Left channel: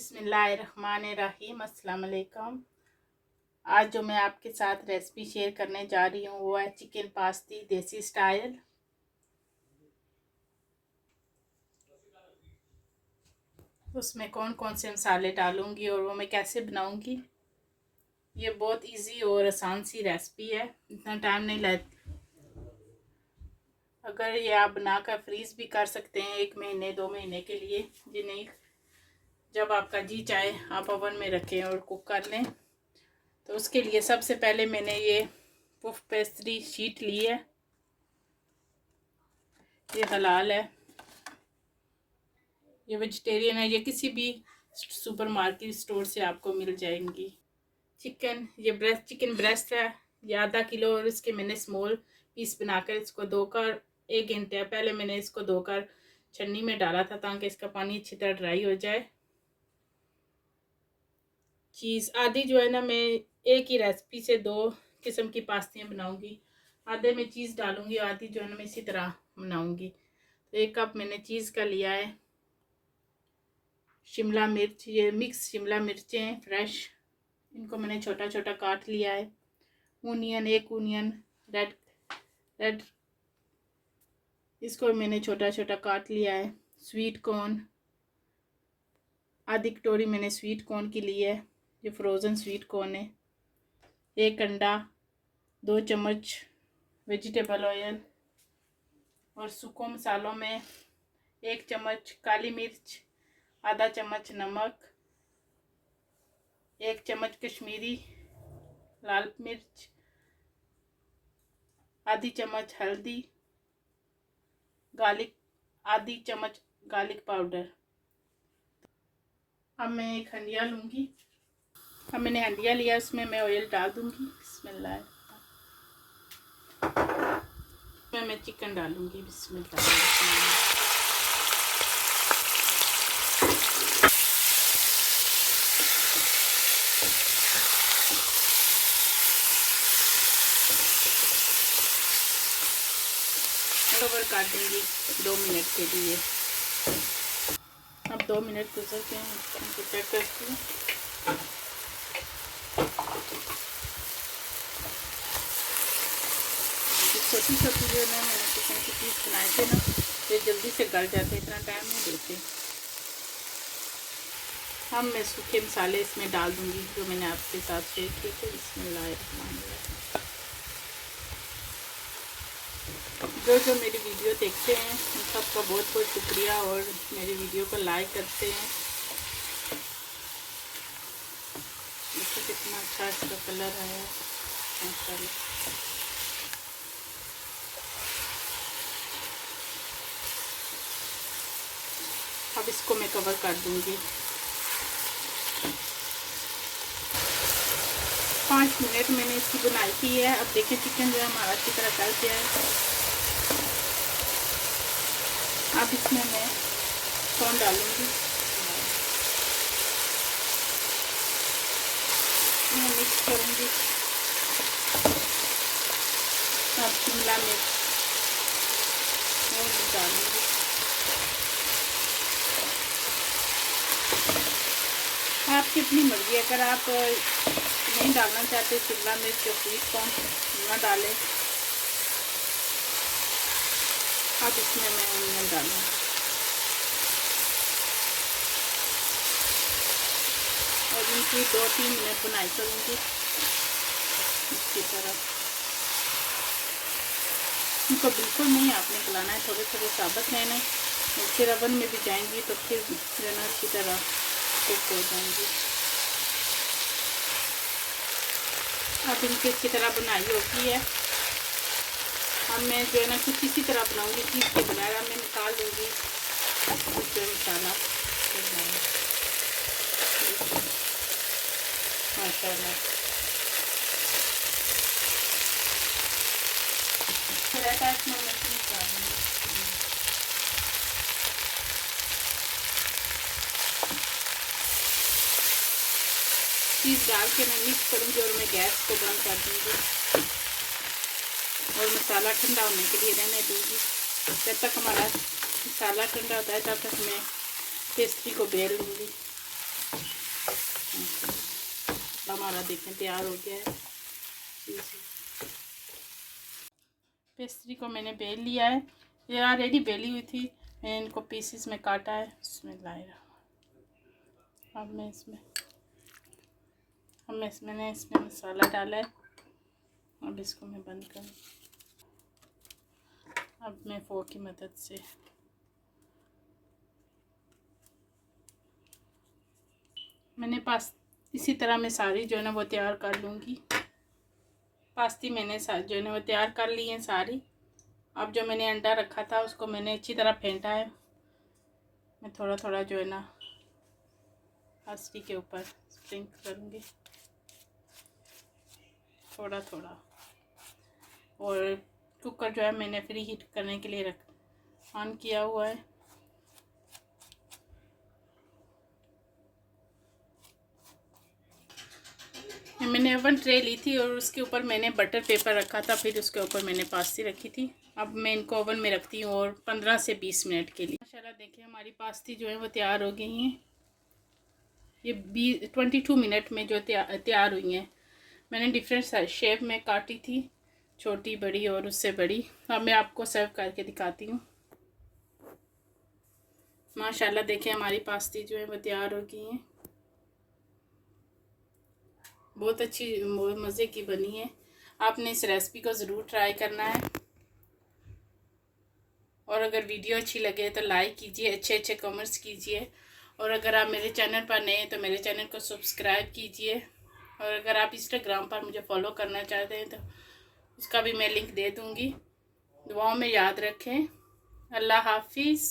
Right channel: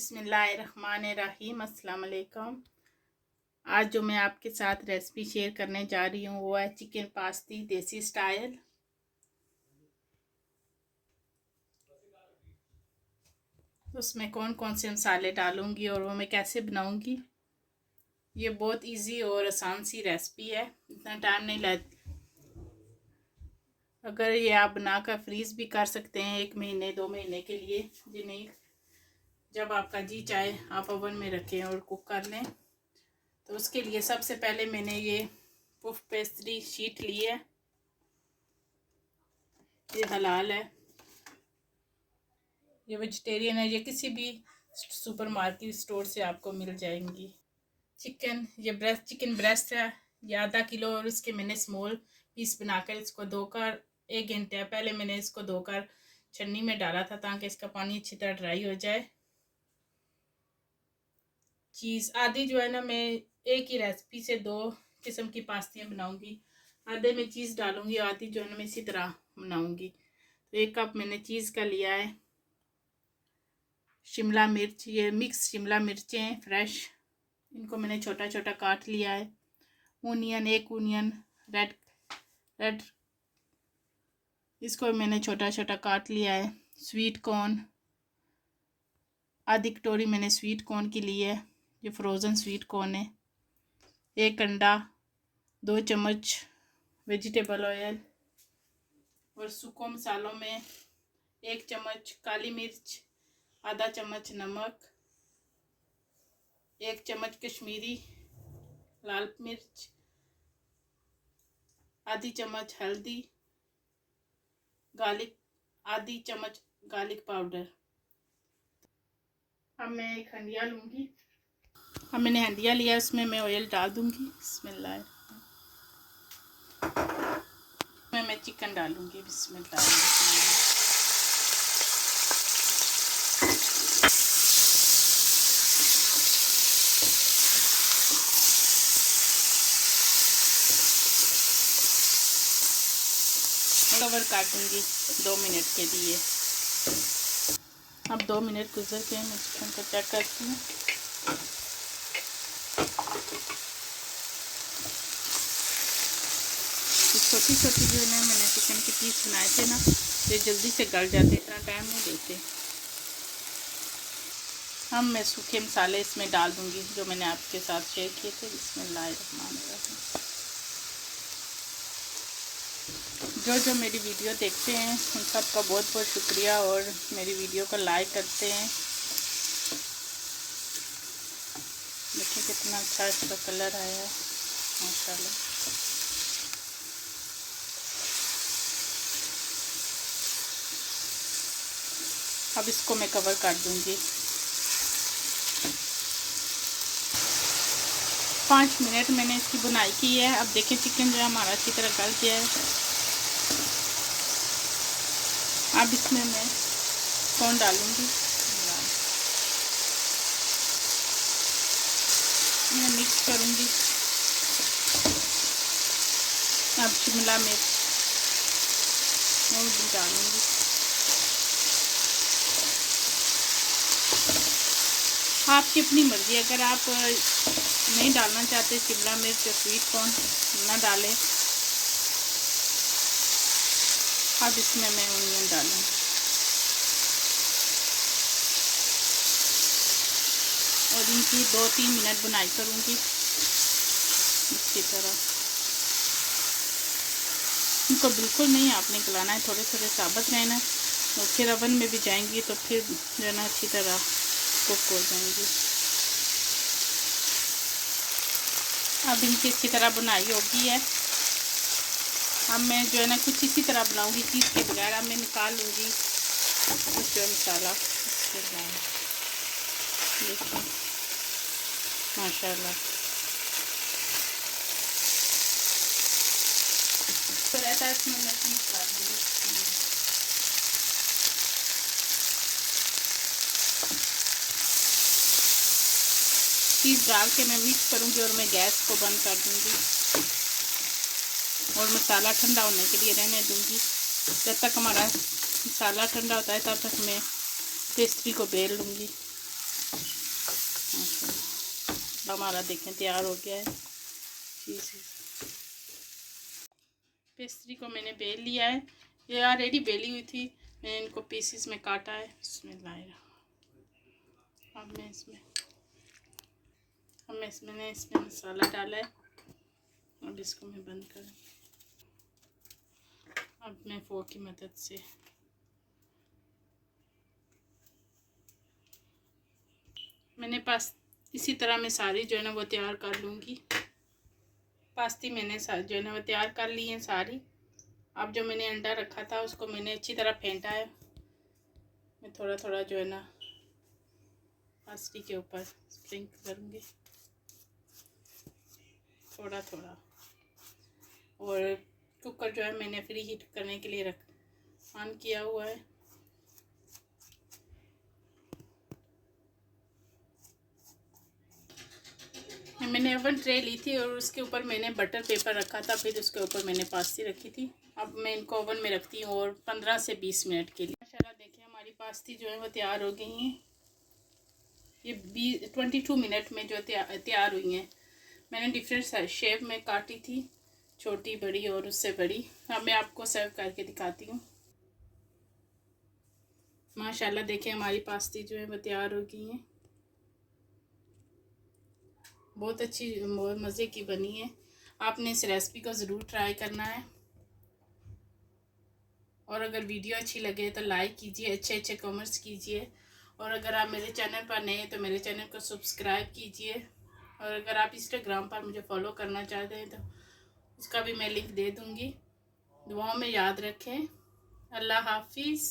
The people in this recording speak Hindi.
बिस्मिल्लाहिर्रहमानिर्रहीम। अस्सलाम वालेकुम। आज जो मैं आपके साथ रेसिपी शेयर करने जा रही हूँ वो है चिकन पास्ती देसी स्टाइल। उसमें कौन कौन से मसाले डालूंगी और वो मैं कैसे बनाऊंगी, ये बहुत इजी और आसान सी रेसिपी है, इतना टाइम नहीं लगता। अगर ये आप बनाकर फ्रीज़ भी कर सकते हैं 1 महीने 2 महीने के लिए, जिन्हें जब आपका जी चाहे आप ओवन में रखें और कुक कर लें। तो उसके लिए सबसे पहले मैंने ये पफ पेस्ट्री शीट ली है, ये हलाल है, ये वेजिटेरियन है, ये किसी भी सुपरमार्केट स्टोर से आपको मिल जाएंगी। ये चिकन ब्रेस्ट है, ये आधा किलो, और इसके मैंने स्मॉल पीस बनाकर इसको धोकर 1 घंटे पहले मैंने इसको धोकर छन्नी में डाला था ताकि इसका पानी अच्छी तरह ड्राई हो जाए। चीज़ आधी जो है ना, मैं एक ही रेसिपी से 2 किस्म की पास्तियाँ बनाऊंगी, आधे में चीज़ डालूंगी, आधी जो है ना मैं इसी तरह बनाऊंगी। तो 1 कप मैंने चीज़ का लिया है। शिमला मिर्च, ये मिक्स शिमला मिर्चें फ्रेश, इनको मैंने छोटा छोटा काट लिया है। ओनियन, 1 ओनियन रेड, इसको मैंने छोटा छोटा काट लिया है। स्वीट कॉर्न, आधी कटोरी मैंने स्वीट कॉर्न की ली है, ये फ्रोज़न स्वीट कॉर्न है। 1 अंडा, 2 चम्मच वेजिटेबल ऑयल, और सूखे मसालों में 1 चम्मच काली मिर्च, आधा चम्मच नमक, 1 चम्मच कश्मीरी लाल मिर्च, आधी चम्मच हल्दी, आधी चम्मच गार्लिक पाउडर। अब मैं एक हंडिया लूँगी, अब मैंने हंडिया लिया, उसमें मैं ऑयल डाल दूँगी। बिस्मिल्लाह, मैं चिकन डालूँगी। बिस्मिल्लाह, कवर कर दूँगी 2 मिनट के लिए। अब 2 मिनट गुजर के मैं चिकन को चेक करती हूँ। छोटी छोटी जो है ना मैंने चिकन के पीस बनाए थे ना, ये जल्दी से गल जाते, इतना टाइम नहीं देते। अब मैं सूखे मसाले इसमें डाल दूँगी जो मैंने आपके साथ शेयर किए थे। बिस्मिल्लाहिर्रहमानिर्रहीम। जो मेरी वीडियो देखते हैं उन सबका बहुत बहुत शुक्रिया, और मेरी वीडियो को लाइक करते हैं। देखिए कितना अच्छा इसका कलर आया है माशाल्लाह। अब इसको मैं कवर कर दूंगी। 5 मिनट मैंने इसकी बुनाई की है। अब देखिए चिकन जो है हमारा अच्छी तरह गल गया है। अब इसमें मैं कॉर्न डालूंगी, मैं मिक्स करूंगी। अब शिमला मिर्च और डालूंगी। आपकी अपनी मर्जी, अगर आप नहीं डालना चाहते शिमला मिर्च और स्वीट कॉर्न ना डालें। अब इसमें मैं ओनियन डालूँ, और इनकी 2-3 मिनट बुनाई करूँगी इसी तरह। इनको बिल्कुल नहीं आपने गलाना है, थोड़े थोड़े साबुत रहना है, और फिर ओवन में भी जाएंगी तो फिर जो है ना अच्छी तरह कुक हो जाएंगी। अब इनकी अच्छी तरह बुनाई होगी है। अब मैं जो है ना कुछ इसी तरह बनाऊंगी, चीज़ के बगैर। अब मैं निकाल लूँगी जो मसाला माशाल्लाह। चीज़ डाल के मैं मिक्स करूँगी और मैं गैस को बंद कर दूँगी और मसाला ठंडा होने के लिए रहने दूँगी। जब तक हमारा मसाला ठंडा होता है तब तक मैं पेस्ट्री को बेल लूँगी। हमारा देखें तैयार हो गया है। पेस्ट्री को मैंने बेल लिया है, ये ऑलरेडी बेली हुई थी, मैंने इनको पीसेस में काटा है। इसमें लाएगा अब मैंने इसमें मसाला डाला है। अब इसको मैं बंद करूँ। अब मैं फोर्क की मदद से मैंने इसी तरह मैं सारी जो है ना वो तैयार कर लूँगी। पास्ती मैंने जो है ना वो तैयार कर ली है सारी। अब जो मैंने अंडा रखा था उसको मैंने अच्छी तरह फेंटा है। मैं थोड़ा थोड़ा जो है ना पास्ती के ऊपर स्प्रिंकल करूँगी, थोड़ा थोड़ा। और कुकर जो है मैंने फ्री हीट करने के लिए ऑन किया हुआ है। मैंने ओवन ट्रे ली थी और उसके ऊपर मैंने बटर पेपर रखा था, फिर उसके ऊपर मैंने पास्ती रखी थी। अब मैं इनको ओवन में रखती हूँ और 15 से 20 मिनट के लिए। माशाल्लाह देखिए हमारी पास्ती जो है वो तैयार हो गई हैं। ये 22 मिनट में जो तैयार हुई हैं। मैंने डिफरेंट शेप में काटी थी, छोटी बड़ी और उससे बड़ी। अब मैं आपको सर्व करके दिखाती हूँ। माशाल्लाह देखिए हमारी पास्ती जो है वो तैयार हो गई हैं। बहुत अच्छी, बहुत मज़े की बनी है। आपने इस रेसिपी को ज़रूर ट्राई करना है। और अगर वीडियो अच्छी लगे तो लाइक कीजिए, अच्छे अच्छे कमेंट्स कीजिए। और अगर आप मेरे चैनल पर नए हैं तो मेरे चैनल को सब्सक्राइब कीजिए। और अगर आप इंस्टाग्राम पर मुझे फॉलो करना चाहते हैं तो उसका भी मैं लिंक दे दूँगी। दुआओं में याद रखें। अल्लाह हाफिज़।